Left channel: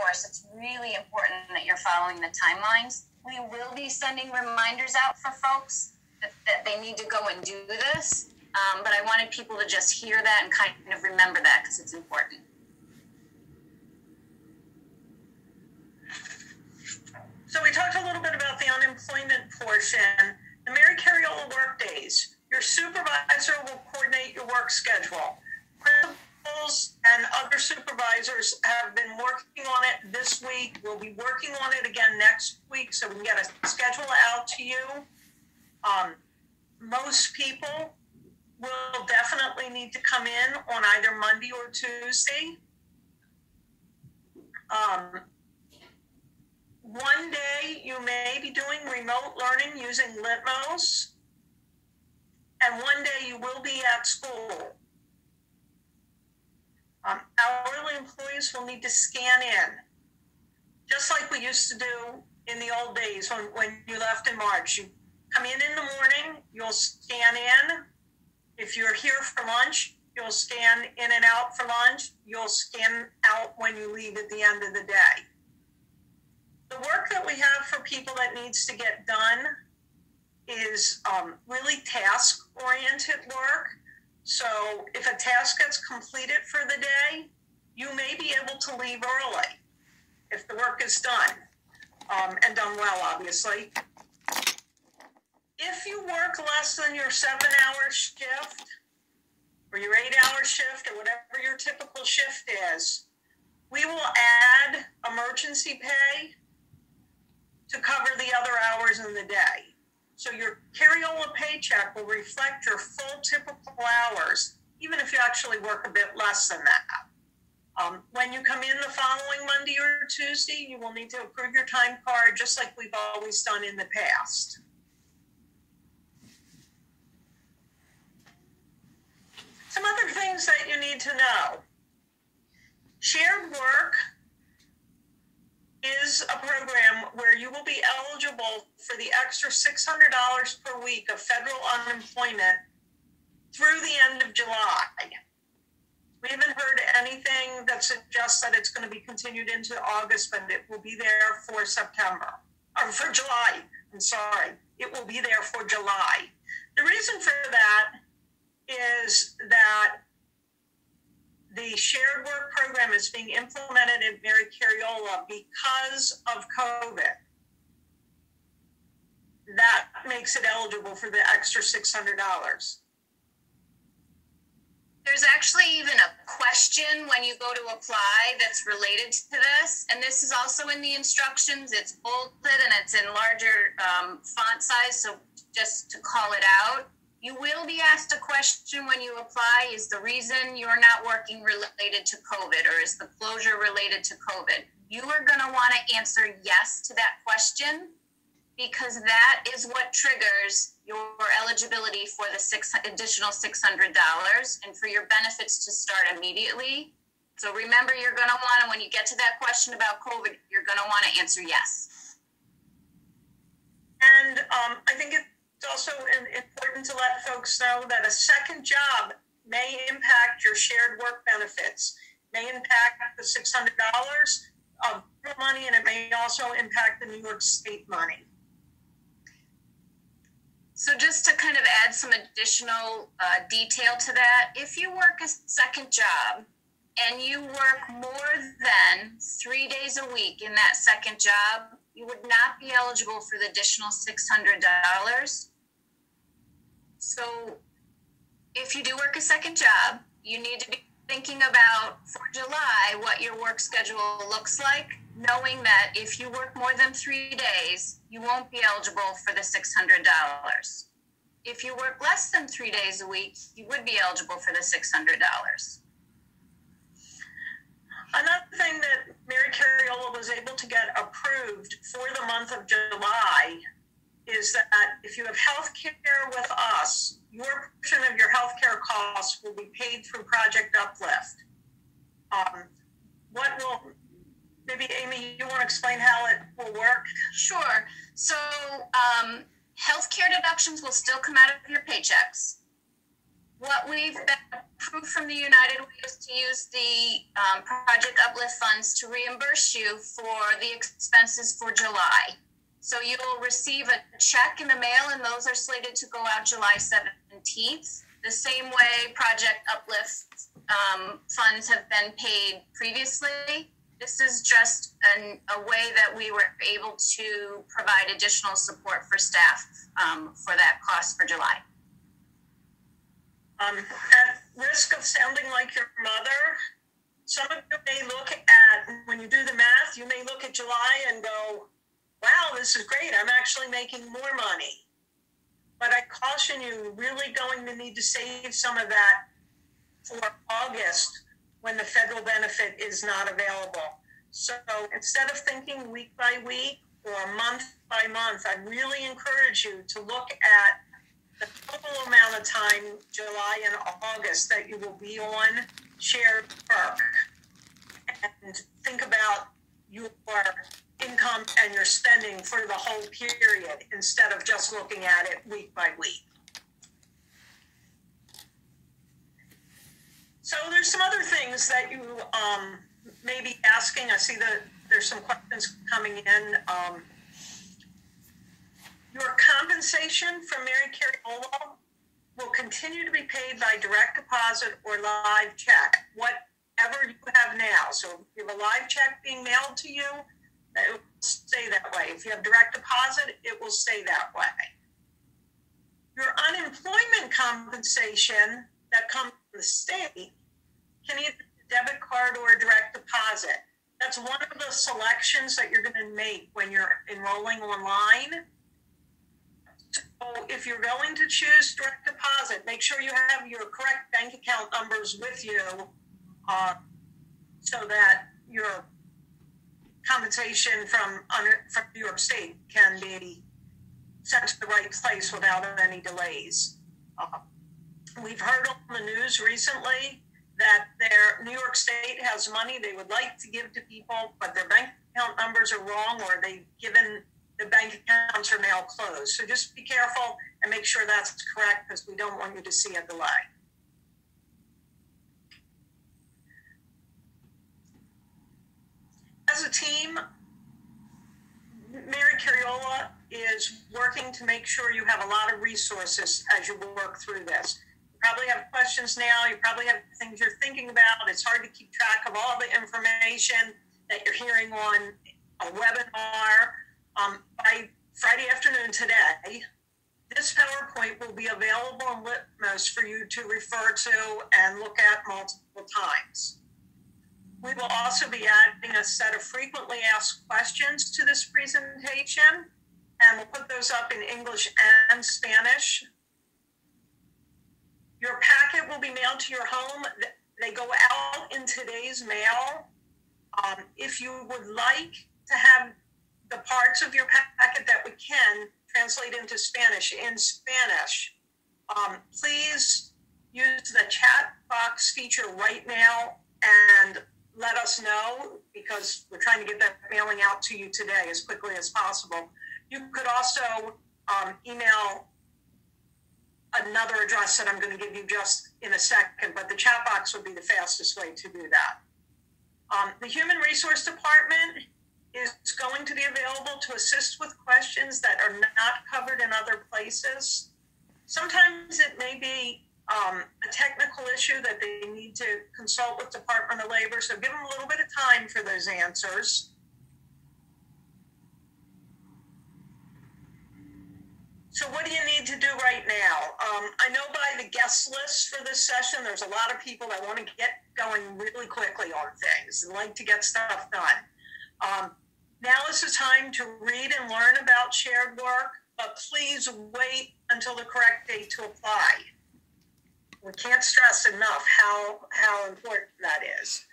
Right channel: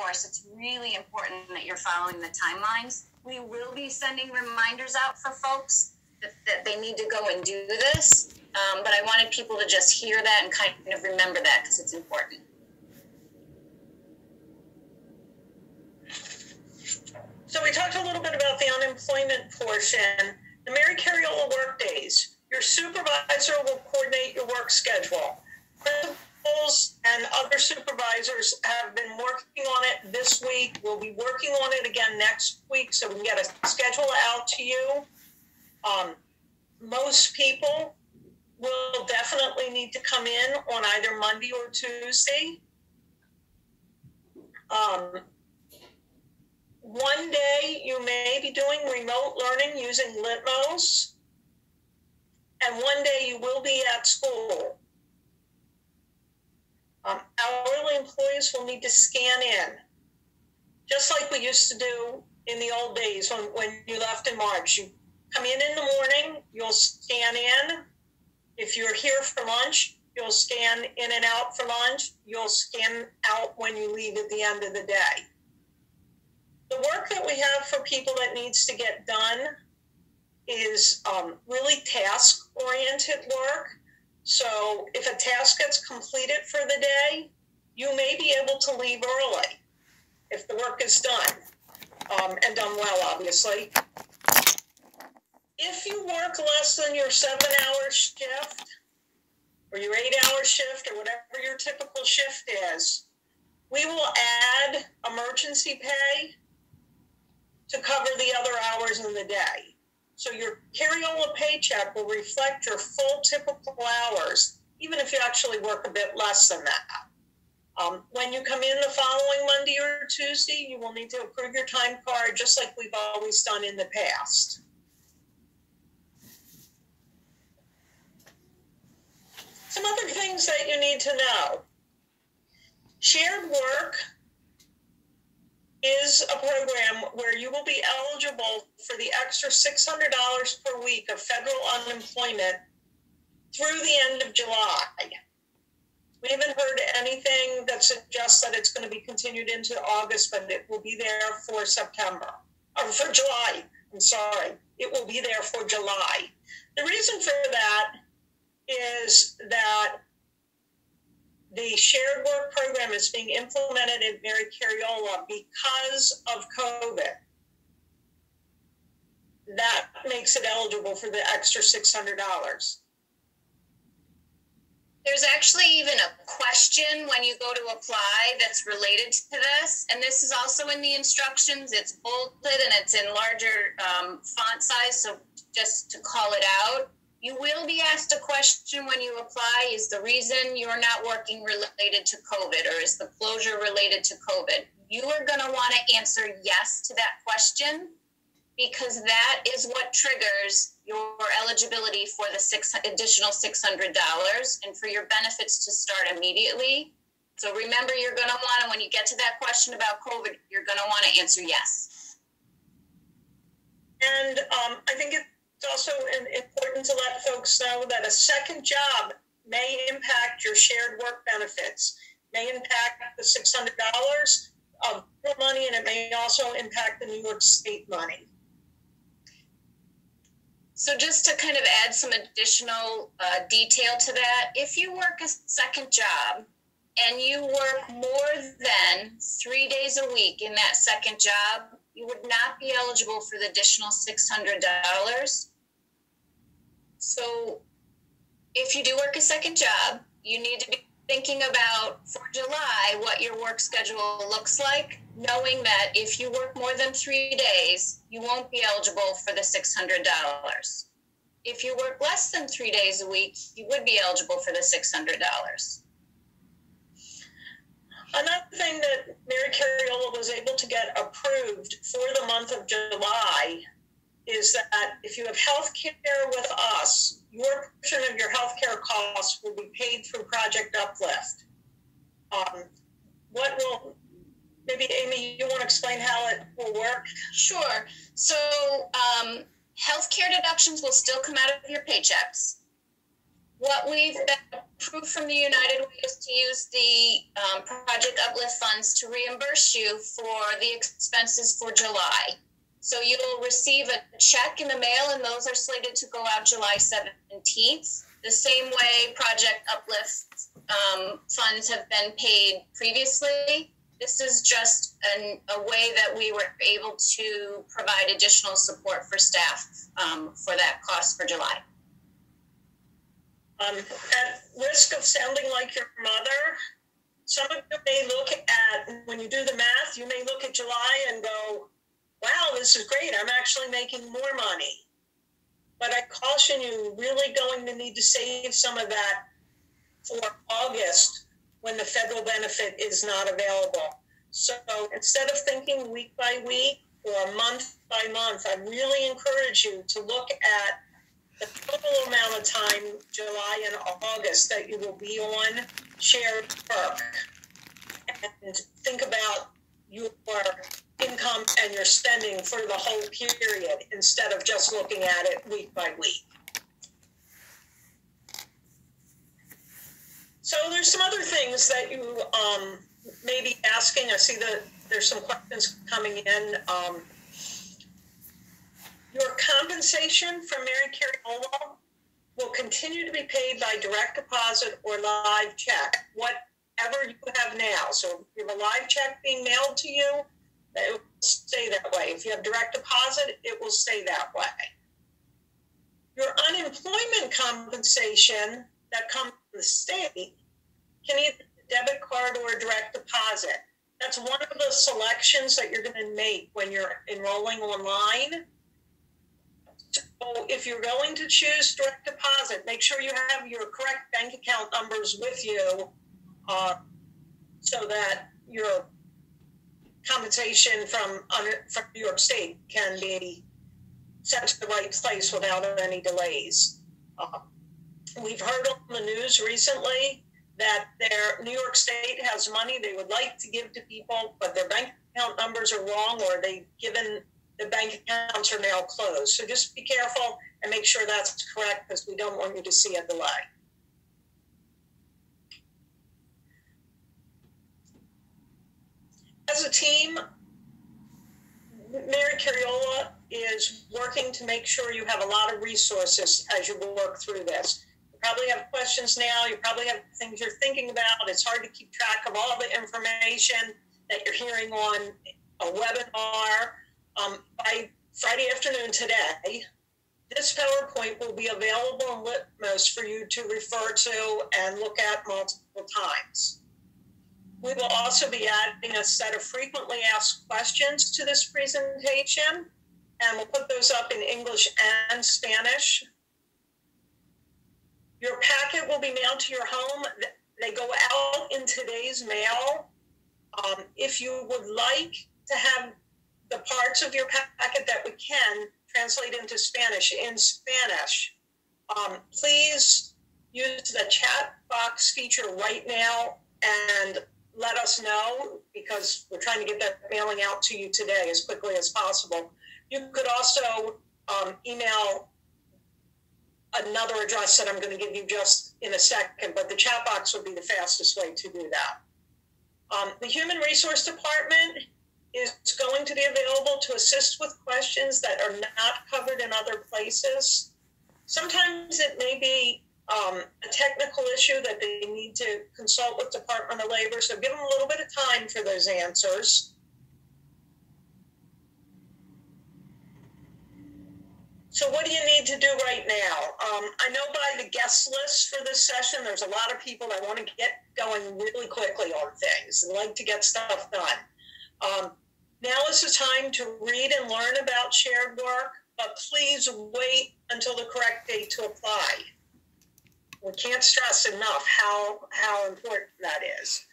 reinforce, it's really important that you're following the timelines. We will be sending reminders out for folks that they need to go and do this, but I wanted people to just hear that and kind of remember that because it's important. So we talked a little bit about the unemployment portion. The Mary Carriola work days. Your supervisor will coordinate your work schedule. Principals and other supervisors have been working on it this week. We'll be working on it again next week so we can get a schedule out to you. Most people will definitely need to come in on either Monday or Tuesday. One day you may be doing remote learning using Litmos, and one day you will be at school. Hourly employees will need to scan in, just like we used to do in the old days when you left in March. You come in the morning, you'll scan in. If you're here for lunch, you'll scan in and out for lunch. You'll scan out when you leave at the end of the day. The work that we have for people that needs to get done is really task-oriented work. So if a task gets completed for the day, you may be able to leave early if the work is done, and done well, obviously. If you work less than your 7-hour shift or your 8-hour shift or whatever your typical shift is, we will add emergency pay to cover the other hours in the day. So your Carriola paycheck will reflect your full typical hours, even if you actually work a bit less than that. When you come in the following Monday or Tuesday, you will need to approve your time card just like we've always done in the past. Some other things that you need to know. Shared work is a program where you will be eligible for the extra $600 per week of federal unemployment through the end of July. We haven't heard anything that suggests that it's going to be continued into August, but it will be there for September, or for July. I'm sorry. It will be there for July. The reason for that is that the shared work program is being implemented at Mary Carriola because of COVID. That makes it eligible for the extra $600. There's actually even a question when you go to apply that's related to this, and this is also in the instructions. It's bolded and it's in larger font size, so just to call it out. You will be asked a question when you apply, is the reason you're not working related to COVID, or is the closure related to COVID? You are going to want to answer yes to that question, because that is what triggers your eligibility for the additional $600 and for your benefits to start immediately. So remember, you're going to want to, when you get to that question about COVID, you're going to want to answer yes. And I think it's also important to let folks know that a second job may impact your shared work benefits, may impact the $600 of money, and it may also impact the New York State money. So just to kind of add some additional detail to that, if you work a second job and you work more than 3 days a week in that second job, you would not be eligible for the additional $600. So if you do work a second job, you need to be thinking about, for July, what your work schedule looks like, knowing that if you work more than 3 days, you won't be eligible for the $600. If you work less than 3 days a week, you would be eligible for the $600. Another thing that Mary Carriola was able to get approved for the month of July is that if you have health care with us, your portion of your health care costs will be paid through Project Uplift. Maybe Amy, you want to explain how it will work? Sure. So health care deductions will still come out of your paychecks. What we've been approved from the United Way is to use the Project Uplift funds to reimburse you for the expenses for July. So you'll receive a check in the mail, and those are slated to go out July 17th. The same way Project Uplift funds have been paid previously. This is just a way that we were able to provide additional support for staff for that cost for July. At risk of sounding like your mother, some of you may look at, when you do the math, you may look at July and go, wow, this is great. I'm actually making more money. But I caution you, you're really going to need to save some of that for August when the federal benefit is not available. So instead of thinking week by week or month by month, I really encourage you to look at the total amount of time, July and August, that you will be on shared work, and think about your income and your spending for the whole period instead of just looking at it week by week. So there's some other things that you may be asking. I see that there's some questions coming in. Your compensation from Mary Carriola will continue to be paid by direct deposit or live check, whatever you have now. So if you have a live check being mailed to you, it will stay that way. If you have direct deposit, it will stay that way. Your unemployment compensation that comes from the state can either be a debit card or a direct deposit. That's one of the selections that you're going to make when you're enrolling online. So if you're going to choose direct deposit, make sure you have your correct bank account numbers with you so that your compensation from New York State can be sent to the right place without any delays. We've heard on the news recently that New York State has money they would like to give to people, but their bank account numbers are wrong, or they've given the bank accounts are now closed. So just be careful and make sure that's correct, because we don't want you to see a delay. As a team, Mary Carriola is working to make sure you have a lot of resources as you work through this. You probably have questions now. You probably have things you're thinking about. It's hard to keep track of all the information that you're hearing on a webinar. By Friday afternoon today, this PowerPoint will be available on Litmos for you to refer to and look at multiple times. We will also be adding a set of frequently asked questions to this presentation, and we'll put those up in English and Spanish. Your packet will be mailed to your home. They go out in today's mail. If you would like to have the parts of your packet that we can translate into Spanish in Spanish, please use the chat box feature right now and let us know, because we're trying to get that mailing out to you today as quickly as possible. You could also email another address that I'm going to give you just in a second, but the chat box would be the fastest way to do that. The Human Resource Department is going to be available to assist with questions that are not covered in other places. Sometimes it may be a technical issue that they need to consult with Department of Labor, so give them a little bit of time for those answers. So what do you need to do right now? I know by the guest list for this session, there's a lot of people that want to get going really quickly on things and like to get stuff done. Now is the time to read and learn about shared work, but please wait until the correct date to apply. We can't stress enough how important that is.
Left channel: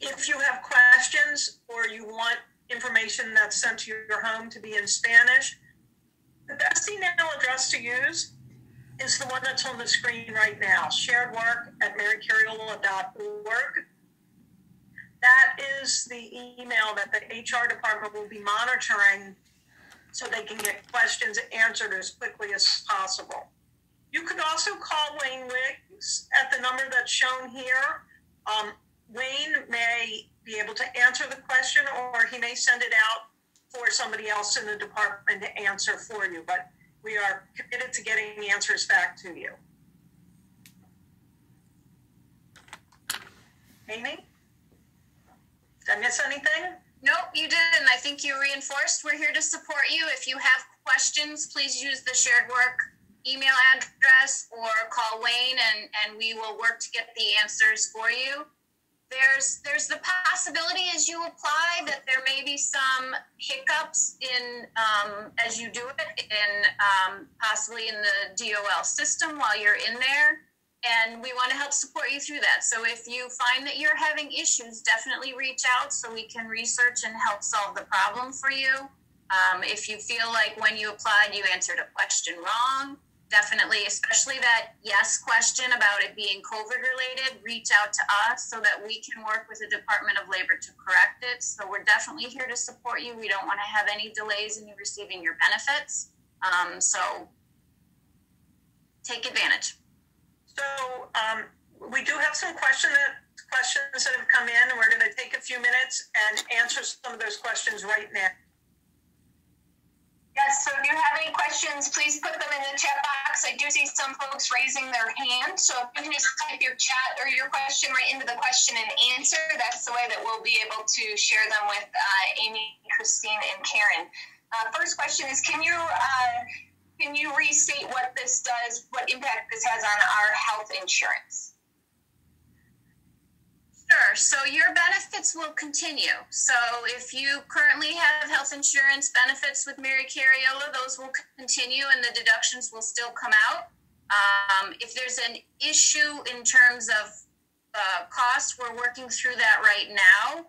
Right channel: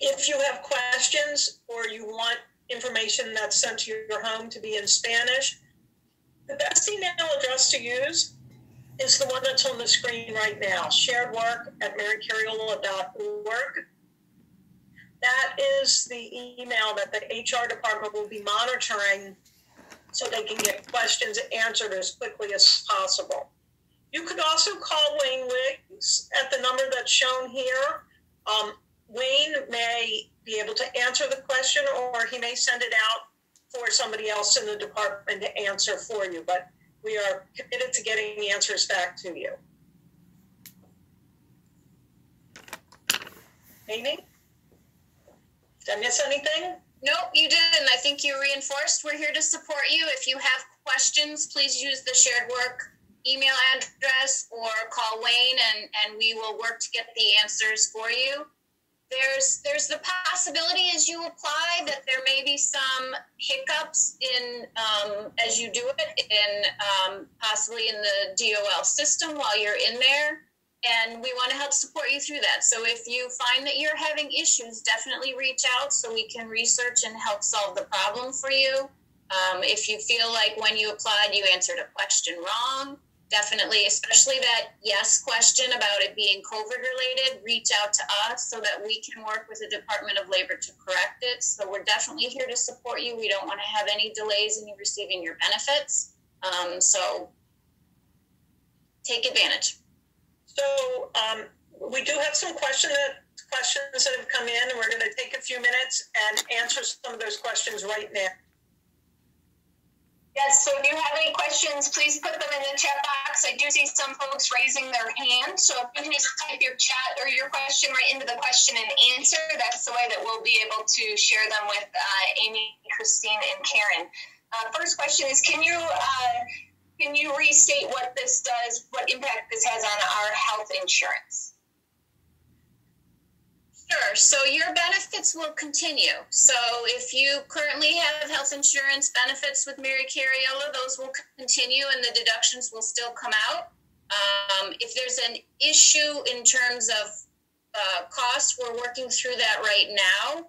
If you have questions or you want information that's sent to your home to be in Spanish, the best email address to use is the one that's on the screen right now, sharedwork@marycarriola.org. That is the email that the HR department will be monitoring so they can get questions answered as quickly as possible. You could also call Wayne Wiggs at the number that's shown here. Wayne may be able to answer the question, or he may send it out for somebody else in the department to answer for you, but we are committed to getting the answers back to you. Amy? Did I miss anything? Nope, you didn't. I think you reinforced we're here to support you. If you have questions, please use the shared work email address or call Wayne, and we will work to get the answers for you. There's the possibility as you apply that there may be some hiccups in as you do it in possibly in the DOL system while you're in there, and we want to help support you through that. So if you find that you're having issues, definitely reach out so we can research and help solve the problem for you. If you feel like when you applied you answered a question wrong, definitely, especially that yes question about it being COVID related, reach out to us so that we can work with the Department of Labor to correct it. So we're definitely here to support you. We don't want to have any delays in you receiving your benefits. So take advantage. So we do have some questions that have come in, and we're going to take a few minutes and answer some of those questions right now. Yes, so if you have any questions, please put them in the chat box. I do see some folks raising their hand, so if you can just type your chat or your question right into the question and answer, that's the way that we'll be able to share them with Amy, Christine, and Karen. First question is, can you restate what this does, what impact this has on our health insurance? Sure. So your benefits will continue. So if you currently have health insurance benefits with Mary Carriola, those will continue and the deductions will still come out. If there's an issue in terms of cost, we're working through that right now.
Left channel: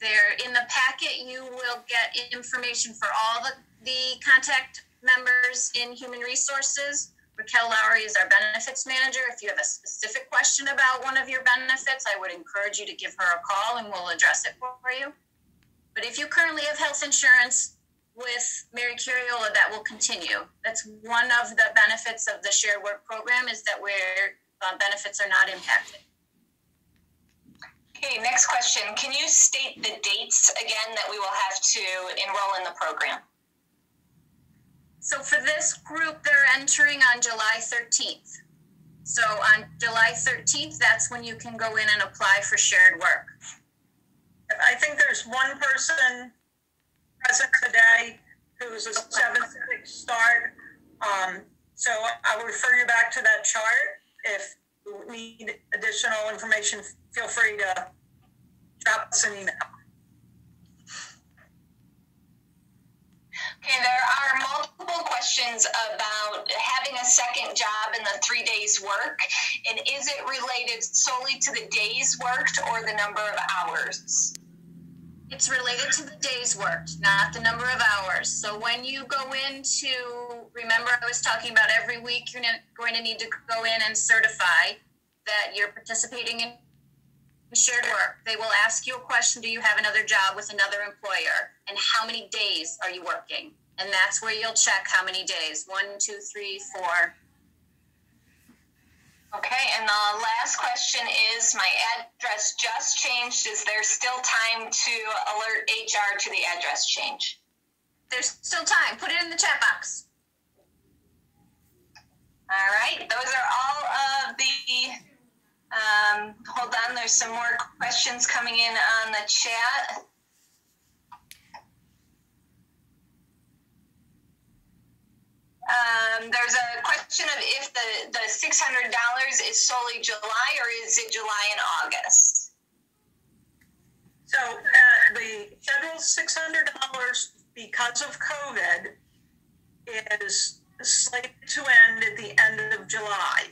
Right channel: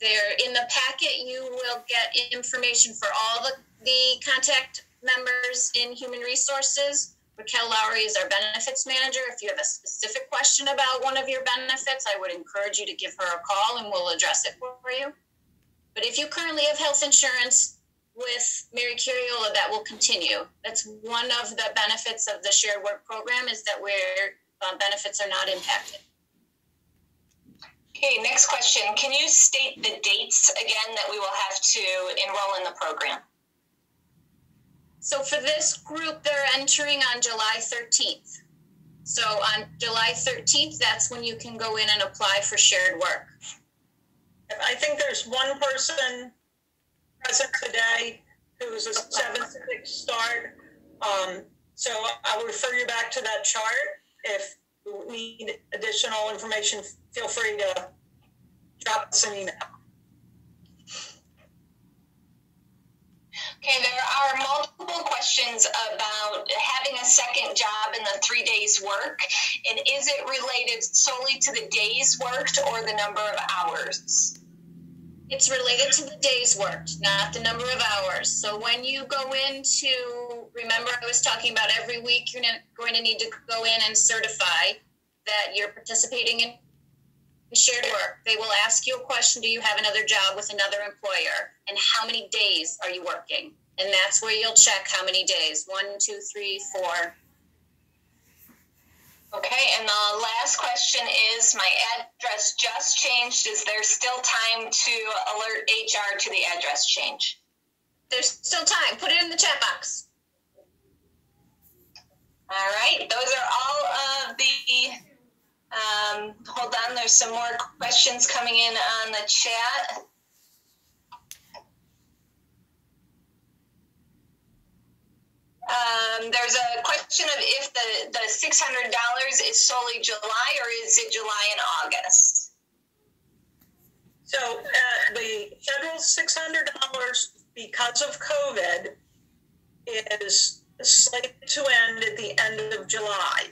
There in the packet, you will get information for all the contact members in Human Resources. Raquel Lowry is our benefits manager. If you have a specific question about one of your benefits, I would encourage you to give her a call and we'll address it for you. But if you currently have health insurance with Mary Carriola, that will continue. That's one of the benefits of the shared work program, is that where benefits are not impacted. Okay, next question. Can you state the dates again that we will have to enroll in the program? So for this group, they're entering on July 13th. So on July 13th, that's when you can go in and apply for shared work. I think there's one person present today who's a 7-6 start. So I'll refer you back to that chart. If you need additional information, feel free to drop us an email. Okay, there are multiple questions about having a second job in the 3 days work, and is it related solely to the days worked or the number of hours? It's related to the days worked, not the number of hours. So when you go into, remember I was talking about every week you're going to need to go in and certify that you're participating in shared work. They will ask you a question, do you have another job with another employer? And how many days are you working? And that's where you'll check how many days. 1, 2, 3, 4. Okay, and the last question is, my address just changed. Is there still time to alert HR to the address change? There's still time. Put it in the chat box. All right, those are all of the hold on, there's some more questions coming in on the chat. There's a question of if the $600 is solely July or is it July and August? So the federal $600 because of COVID is slated to end at the end of July.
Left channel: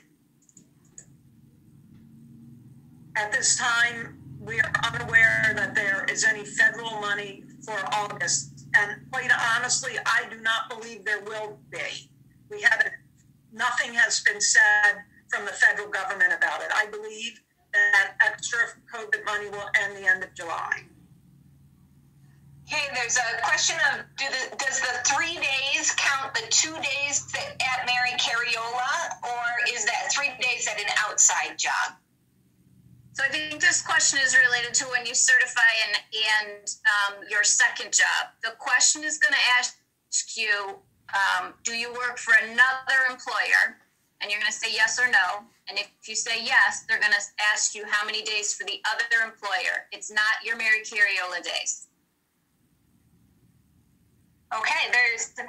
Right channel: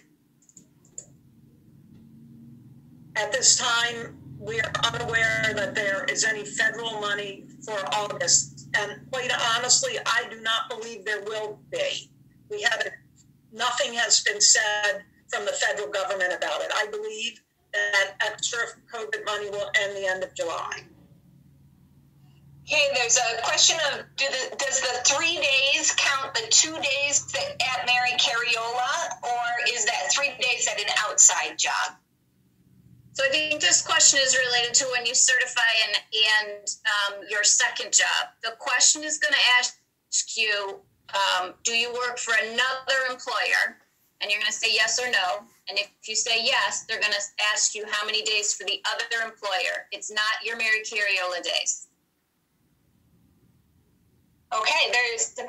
At this time, we are unaware that there is any federal money for August. And quite honestly, I do not believe there will be. Nothing has been said from the federal government about it. I believe that extra COVID money will end the end of July. Okay, there's a question of does the 3 days count the 2 days at Mary Carriola, or is that 3 days at an outside job? So I think this question is related to when you certify and your second job. The question is going to ask you, do you work for another employer? And you're going to say yes or no. And if you say yes, they're going to ask you how many days for the other employer. It's not your Mary Carriola days. Okay, there's a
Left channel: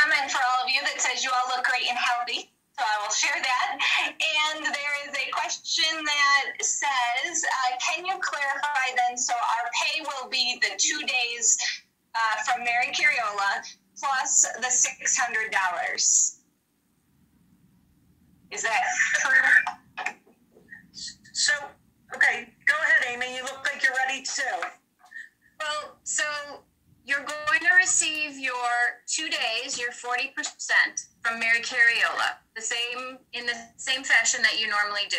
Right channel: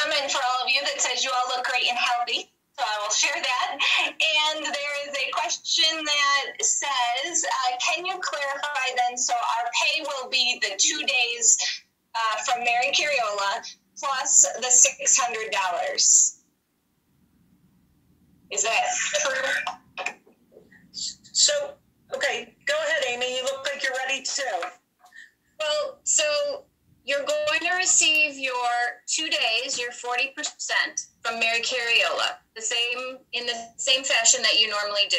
comment for all of you that says you all look great and healthy, so I will share that. And there is a question that says, can you clarify then, so our pay will be the 2 days from Mary Carriola plus the $600. Is that true? So, okay, go ahead, Amy. You look like you're ready too. Well, so you're going to receive your 2 days, your 40% from Mary Carriola, in the same fashion that you normally do.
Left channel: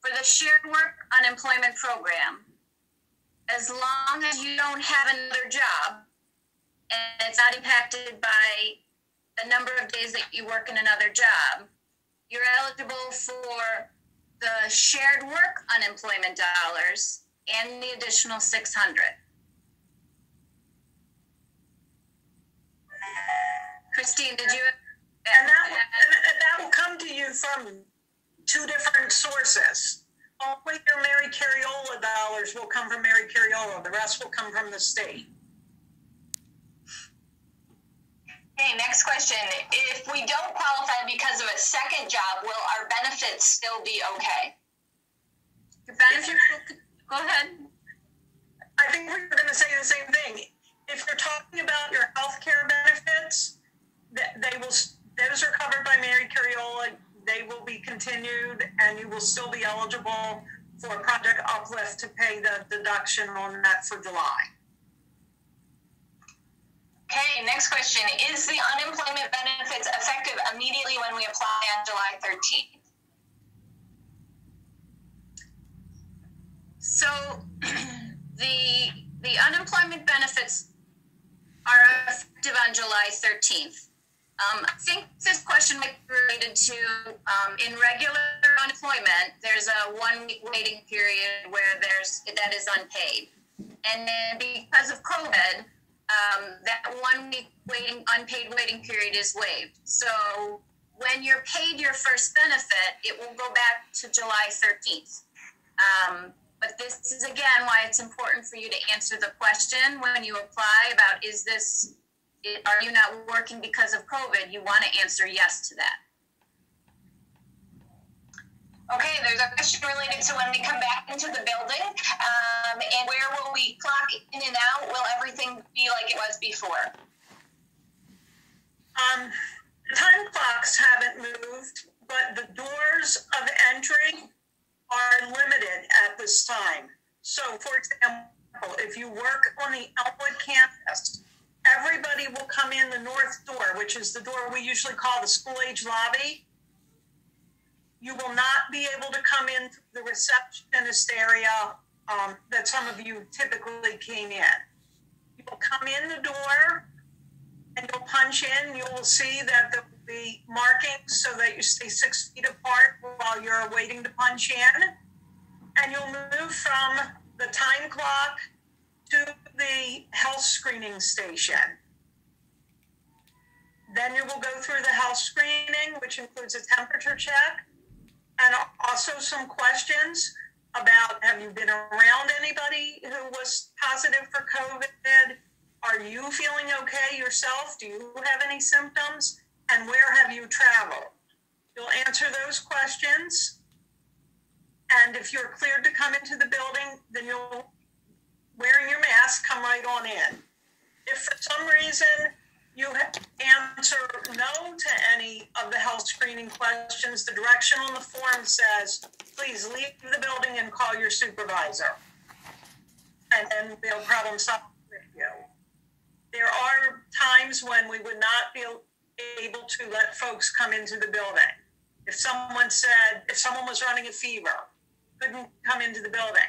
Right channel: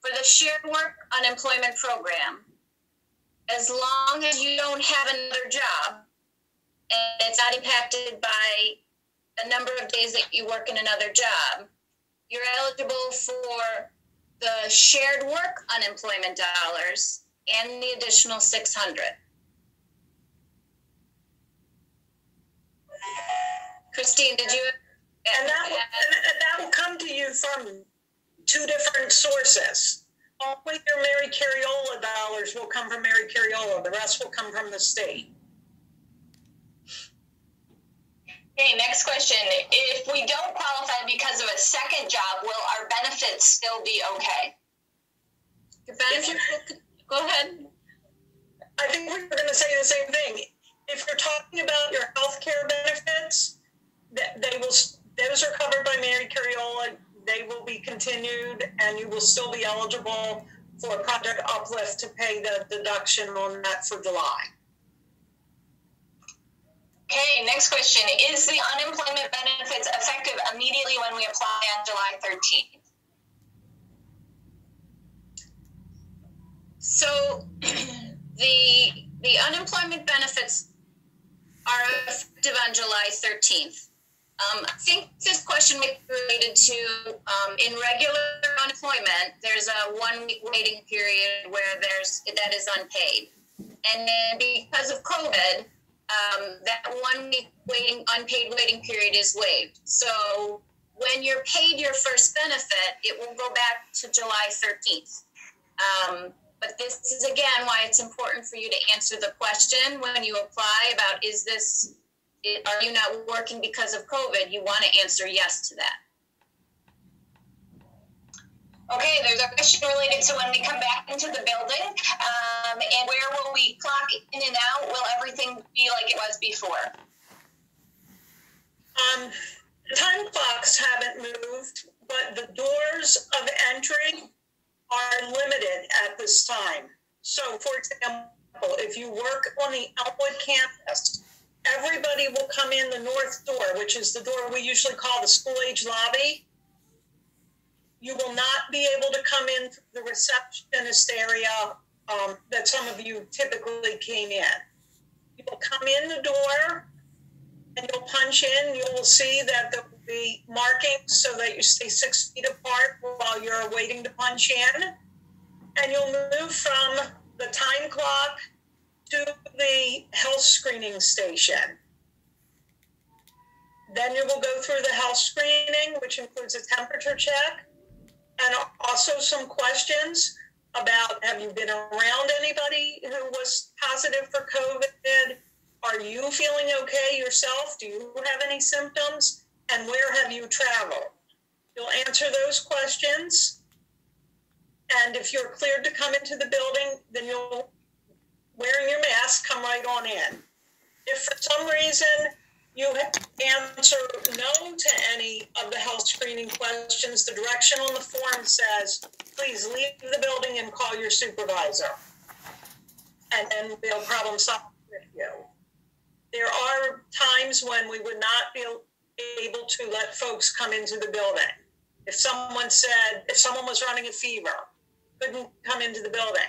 For the shared work unemployment program, as long as you don't have another job and it's not impacted by the number of days that you work in another job, you're eligible for the shared work unemployment dollars and the additional $600. Christine, did you? And that will come to you from two different sources. Only your Mary Carriola dollars will come from Mary Carriola. The rest will come from the state. Okay, next question. If we don't qualify because of a second job, will our benefits still be okay? Your benefits go ahead. I think we were going to say the same thing. If you're talking about your health care benefits, those are covered by Mary Carriola. They will be continued, and you will still be eligible for Project Uplift to pay the deduction on that for July. Okay, next question. Is the unemployment benefits effective immediately when we apply on July 13th? So the unemployment benefits are effective on July 13th. I think this question may be related to, in regular unemployment, there's a 1 week waiting period where that is unpaid. And then because of COVID, that 1 week unpaid waiting period is waived. So when you're paid your first benefit, it will go back to July 13th. But this is, again, why it's important for you to answer the question when you apply about, are you not working because of COVID? You want to answer yes to that. Okay, there's a question related to when we come back into the building, and where will we clock in and out? Will everything be like it was before? The time clocks haven't moved, but the doors of entry are limited at this time. So, for example, if you work on the Elmwood campus, everybody will come in the north door, which is the door we usually call the school-age lobby. You will not be able to come in the receptionist area that some of you typically came in. You will come in the door and you'll punch in. You will see that there will be markings so that you stay 6 feet apart while you're waiting to punch in. And you'll move from the time clock to the health screening station. Then you will go through the health screening, which includes a temperature check, and also some questions about, have you been around anybody who was positive for COVID? Are you feeling okay yourself? Do you have any symptoms? And where have you traveled? You'll answer those questions. And if you're cleared to come into the building, then you'll, wearing your mask, come right on in. If for some reason you answer no to any of the health screening questions, the direction on the form says, please leave the building and call your supervisor. And then they'll problem solve with you. There are times when we would not be able to let folks come into the building. If someone was running a fever, couldn't come into the building.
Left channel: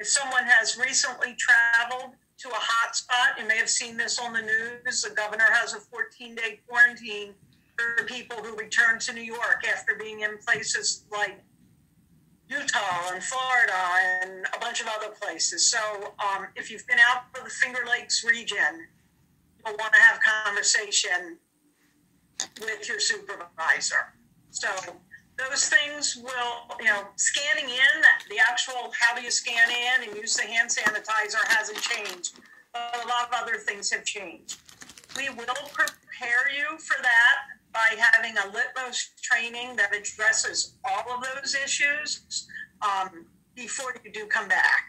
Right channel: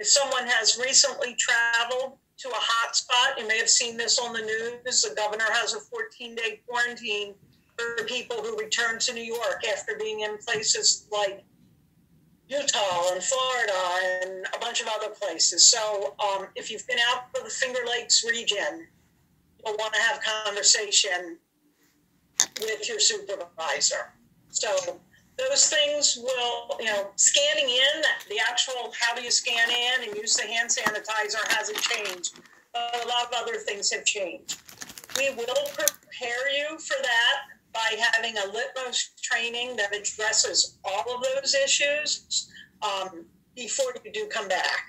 If someone has recently traveled to a hot spot. You may have seen this on the news. The governor has a 14-day quarantine for people who return to New York after being in places like Utah and Florida and a bunch of other places. So if you've been out of the Finger Lakes region, you'll want to have conversation with your supervisor. So those things will, scanning in, the actual how do you scan in and use the hand sanitizer hasn't changed, but a lot of other things have changed. We will prepare you for that by having a litmus training that addresses all of those issues before you do come back.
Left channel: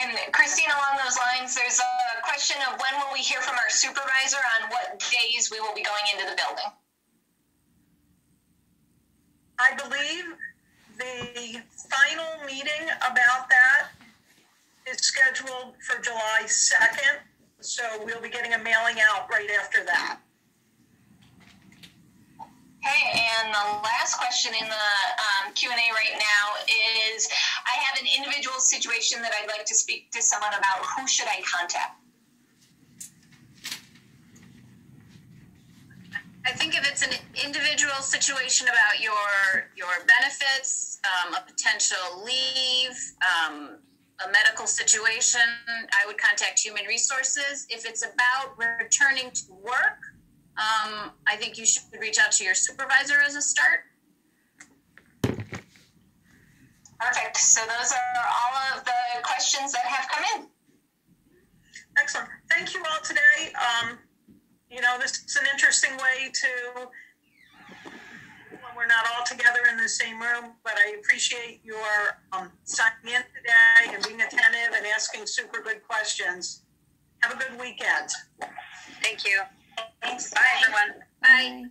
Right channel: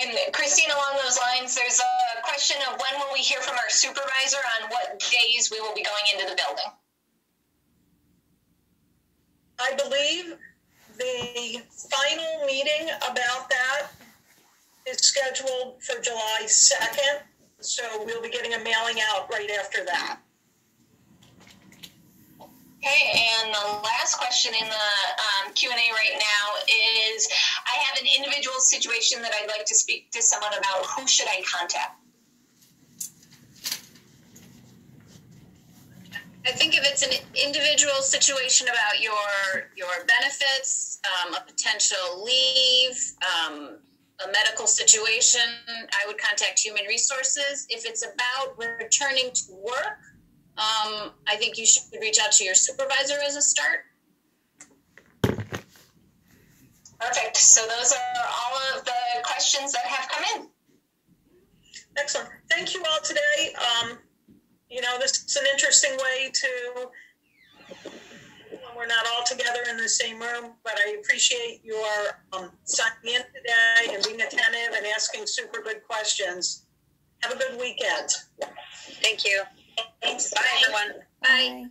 And Christine, along those lines, there's a question of when will we hear from our supervisor on what days we will be going into the building? I believe the final meeting about that is scheduled for July 2nd, so we'll be getting a mailing out right after that. Okay, and the last question in the Q&A right now is, I have an individual situation that I'd like to speak to someone about. Who should I contact? I think if it's an individual situation about your benefits, a potential leave, a medical situation, I would contact Human Resources. If it's about returning to work, I think you should reach out to your supervisor as a start. Perfect. So those are all of the questions that have come in. Excellent. Thank you all today. This is an interesting way to, when we're not all together in the same room, but I appreciate your signing in today and being attentive and asking super good questions. Have a good weekend. Thank you. Thanks. Bye, everyone. Bye.